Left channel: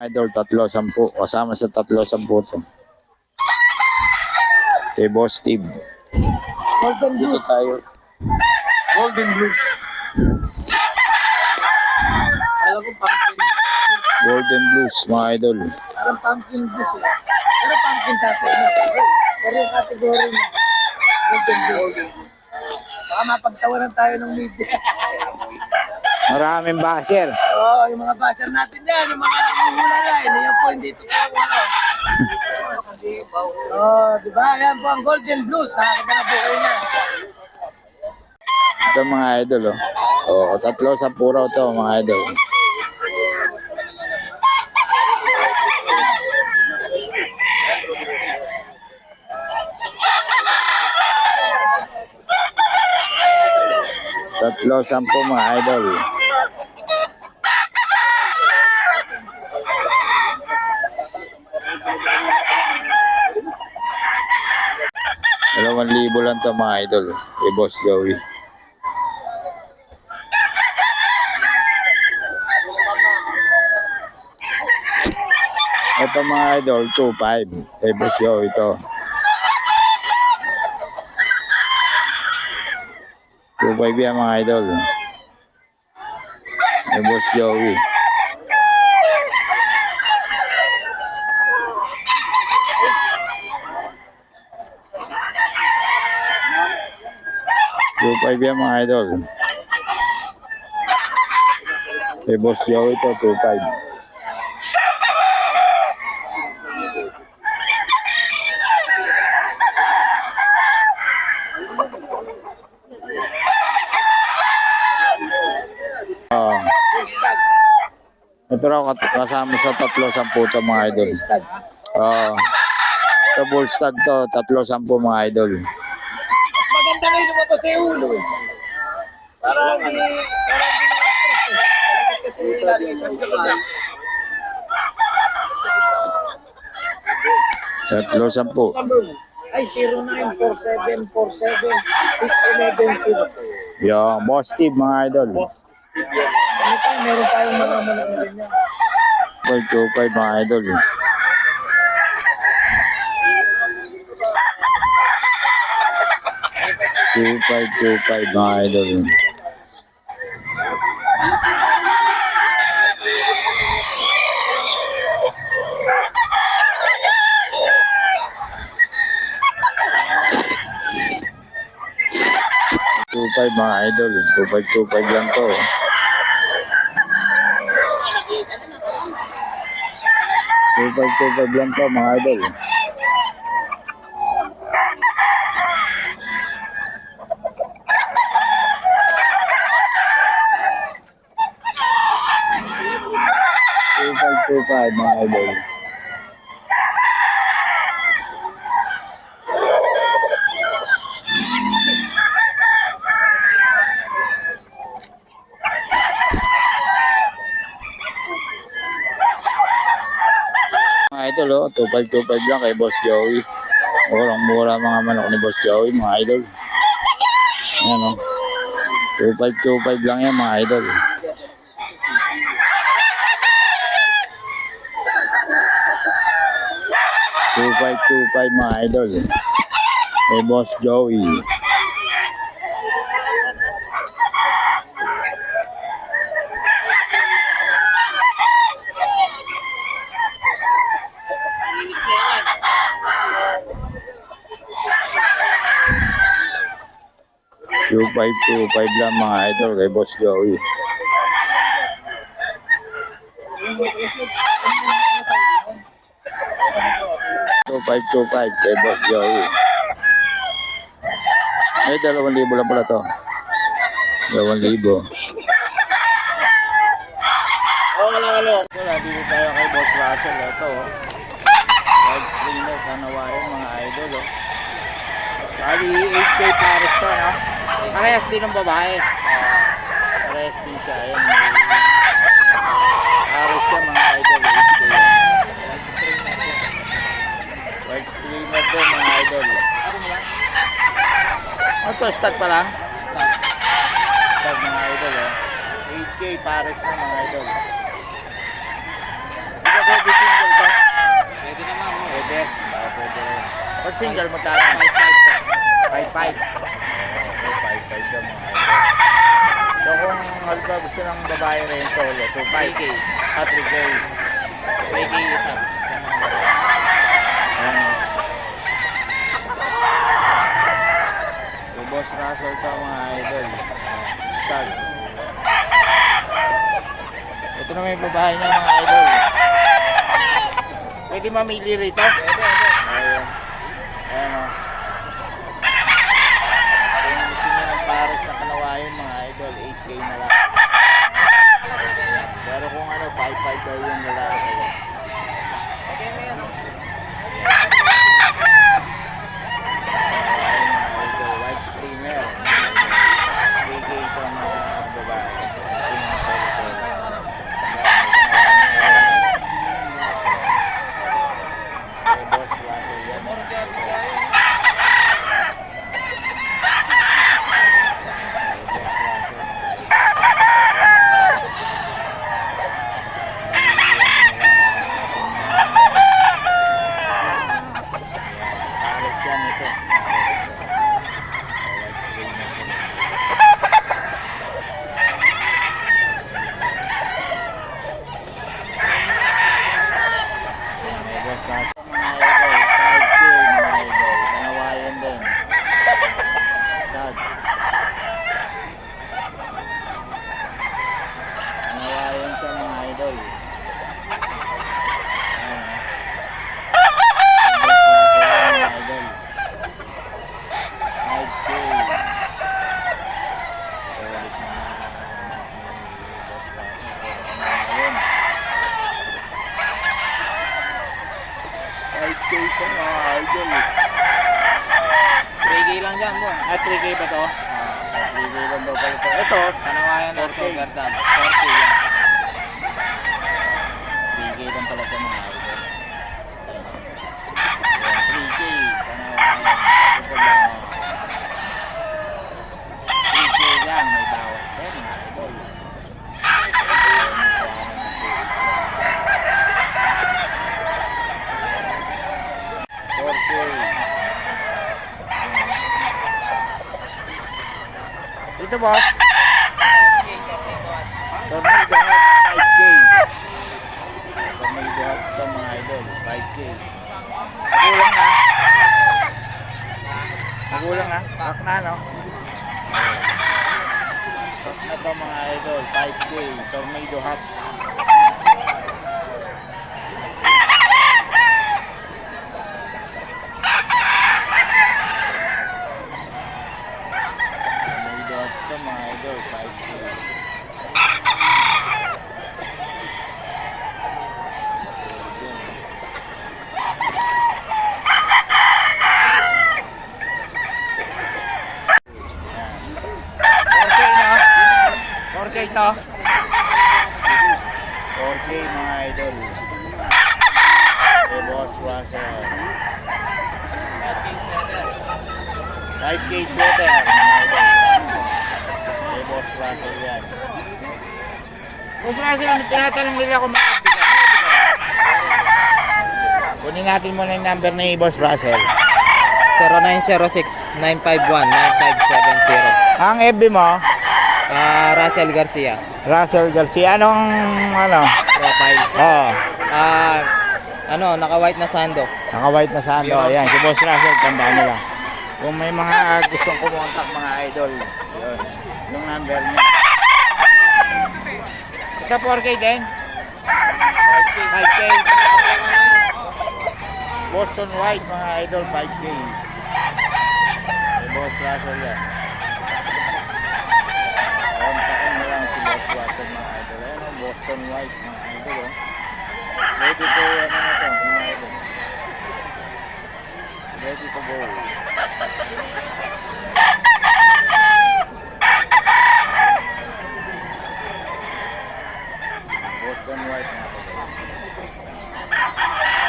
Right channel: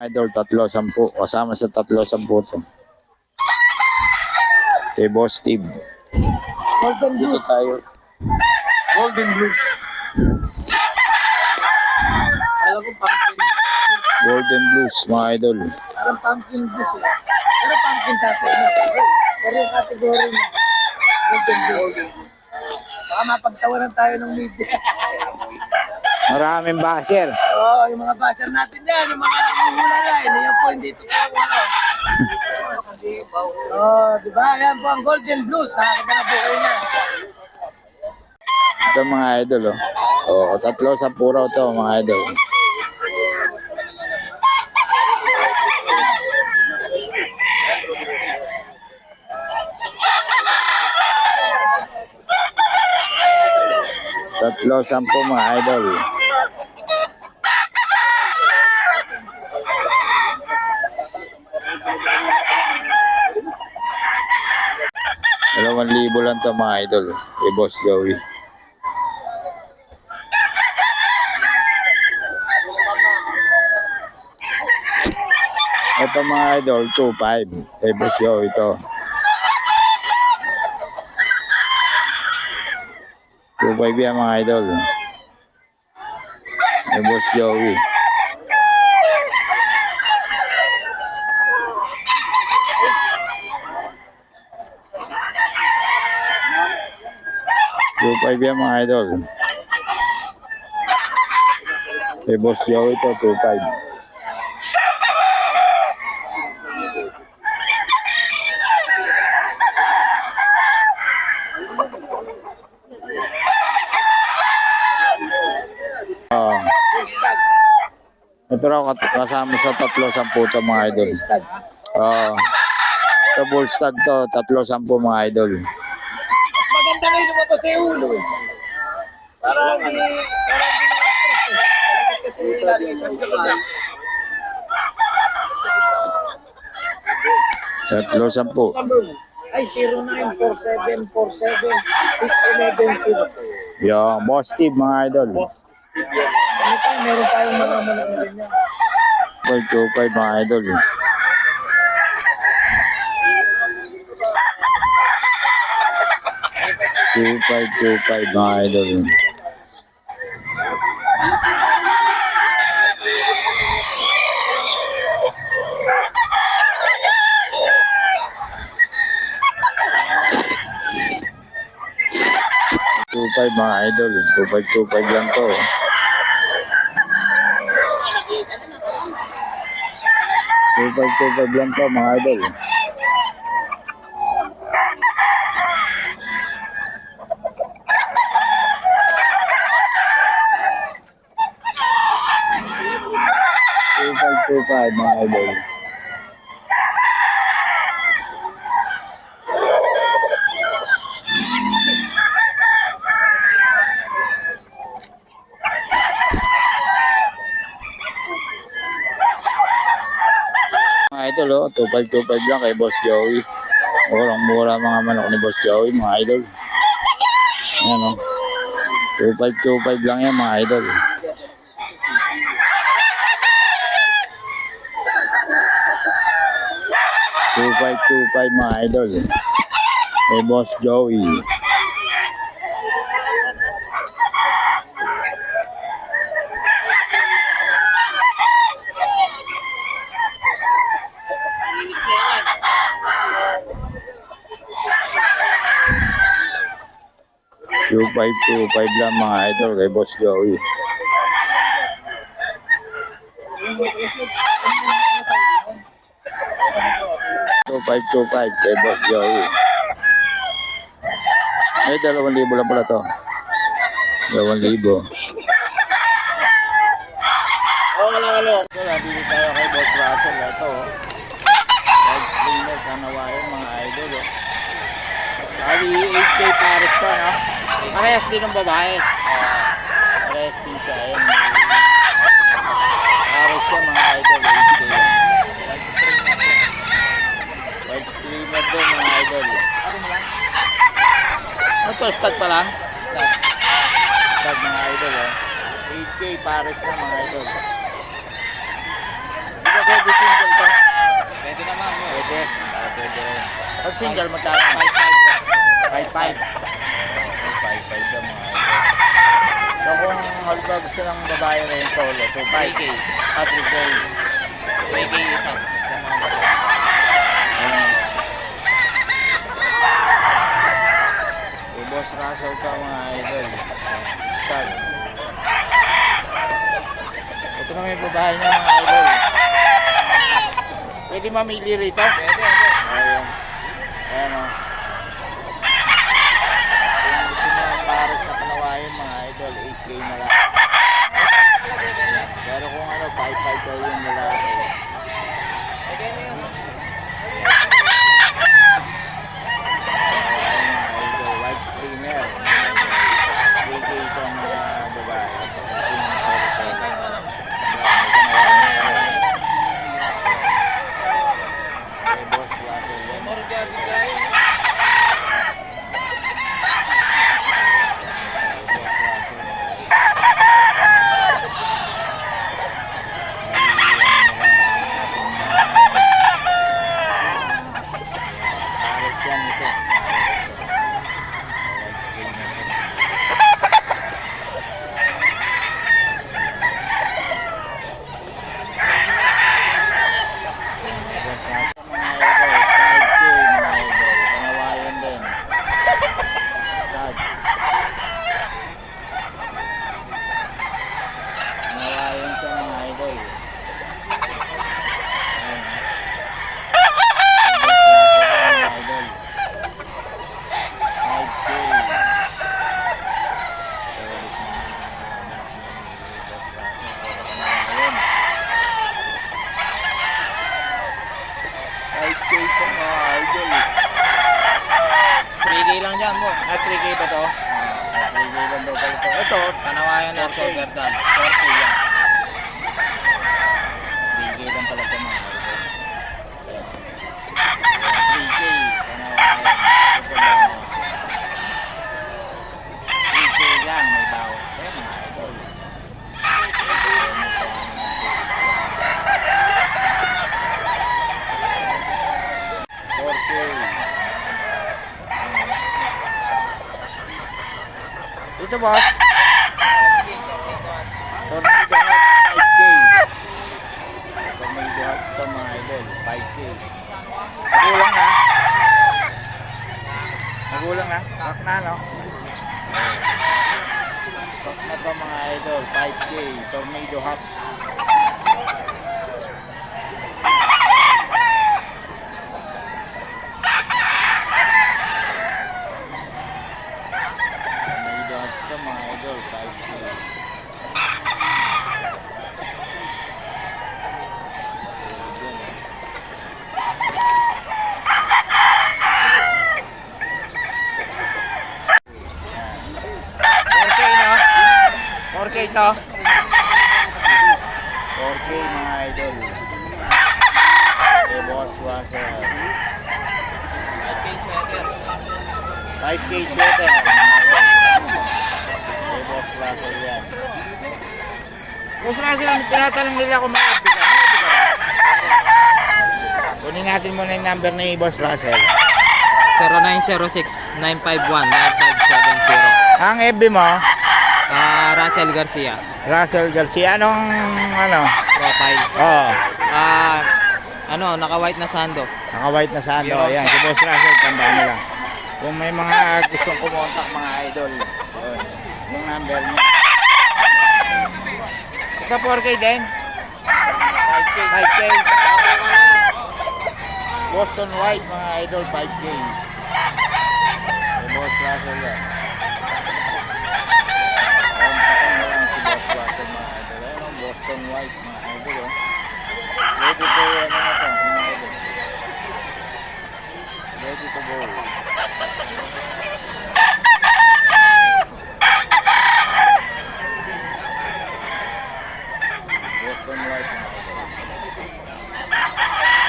Idol, 3-10. Kasama sa 3-10 to. Kay Boss Steve. Golden Dito Blue. tayo. Golden Blue. Alam ko pumpkin. Golden Blues, mga idol. Parang pumpkin juice eh. Pero pumpkin tatay na. Pero yung category niya. Golden Blue. Baka mapagtawanan tayo ng media. Maraming basher. Oo, yung mga basher natin dyan. Yung mga nanguhula na. Yan po hindi totoo wala. Oo, di ba? Yan po ang Golden Blues. Nakakita na po kayo na. Ito mga idol, oh. Oo, 3-10 raw to, mga idol. Tatlo, 10 mga idol. Dalawang libo lang to mga idol. Kay Boss Joey. Ito mga idol, 2.5. Kay Boss Joey ito. 2.5 yan mga idol. Kay Boss Joey. Yan mga idol. Kay Boss Joey ito, 2.5. Ito raw kasama sa 3-10 to mga idol. Ito bull stag to, 3-10 mga idol. Mas maganda ngayon lumabas sa ulo eh. Para hindi na-stress eh. Talagang kasi ilalagay sa ulo ka. 3-10. Ay, 0947476110. Yung Boss Steve mga idol. Ano tayo, meron tayong mga manok na rin yan. 2.5 mga idol. $2.5 mga idol. $2.5 mga idol. 2.5 lang to. $2.5 lang to mga idol. $2.5 mga idol. Mga idol, oh, 2.5 lang kay Boss Joey. Murang-mura mga manok ni Boss Joey, mga idol. Ayan, oh. 2.5 lang yan, mga idol. $2.5 mga idol. Kay Boss Joey. $2.5 lang mga idol kay Boss Joey. $2.5 kay Boss Joey. Ay, 2,000 lang pala to. 2,000. Ito, nandito tayo kay Boss Russell. Ito, oh. Live streamer sa Nawayan, mga idol, oh. Bali, 8K pares to, no? Parehas din ng babae. Parehas din siya. Ayan, pares siya, mga idol. 8K. Live streamer din, mga idol. Ano to? Stud pa lang? Stud, mga idol, oh. 8K pares na, mga idol. Ito Pwede single to? Pwede naman. Pwede. Pwede rin. Pag single, magkano? 5.5. Okay, 5.5 daw mga idol. So kung halimbawa gusto ng babae rin solo, so 5K. 3K. 3K isa. Ayan o. So Boss Russell to mga idol. Start. Ito na may babae niya mga idol. Pwede mamili rito? Pwede. Ayan. Ayan o. Kung gusto nyo ng pares na kanawayan mga idol, 8K na lang. Pero kung ano, 5.5 daw yung lalaki. Pwede na yan. Kanawayan mga idol, white streamer. 3K ito na babae. Ito yung solo-solo. Ayan, may kanawayan na rin. Okay, Boss Russell yan mga idol. Yan ito. White screen na ito. Mga idol, 5K mga idol. Kanawayan din. Sad. Kanawayan siya mga idol. Ayan, mga idol. 5K. Solid na anak ni Boss Russell. Pero kanawayan. 5K sa mga idol. 3K lang dyan mo. 3K ba to? 3K lang daw pala ito. Ito, Kanawayan na 4K. silver dam. 4K yan. 3K lang pala ito mga idol. Ayan. Ayan, 3K. Kanawayan. Ito lang. 3K lang. May bawas pa yan mga idol. Ayan, nakuha na ng 3K. 4K. Ayan. Ito boss. Tornado Hot 5K. Tornado Hot sa mga idol 5K. Nagulang na. Nagulang na. Kak na no. Kak na to mga idol 5K. Tornado Hot. Tornado Hot to mga idol 5K. Yan. 4K no? 4K to? 4K mga idol. Kay Boss Russell. 5K sweater. 5K sweater mga idol. Kay Boss Russell yan. Boss Russell, tinatanong nila kung may FB ka. May FB ka ba? Kunin natin muna yung number ni Boss Russell. 0906-951-9570. Ang FB mo, Russell Garcia. Russell Garcia. Anong ano? Profile. Oo. Naka-white na sando. Naka-white na sando. Mirror Ayan, siya. si Boss Russell, tandaan nila. Kung may mga gustong kumontak mga idol, yun, yung number niya. Ito 4K din? 5K. Boston White mga idol, 5K. Si Boss Russell yan. Kontakin mo lang si Boss Russell mga idol. Ayan o, Boston White mga idol o. Ready to ano na to mga idol. Ready to go. Boston White mga idol.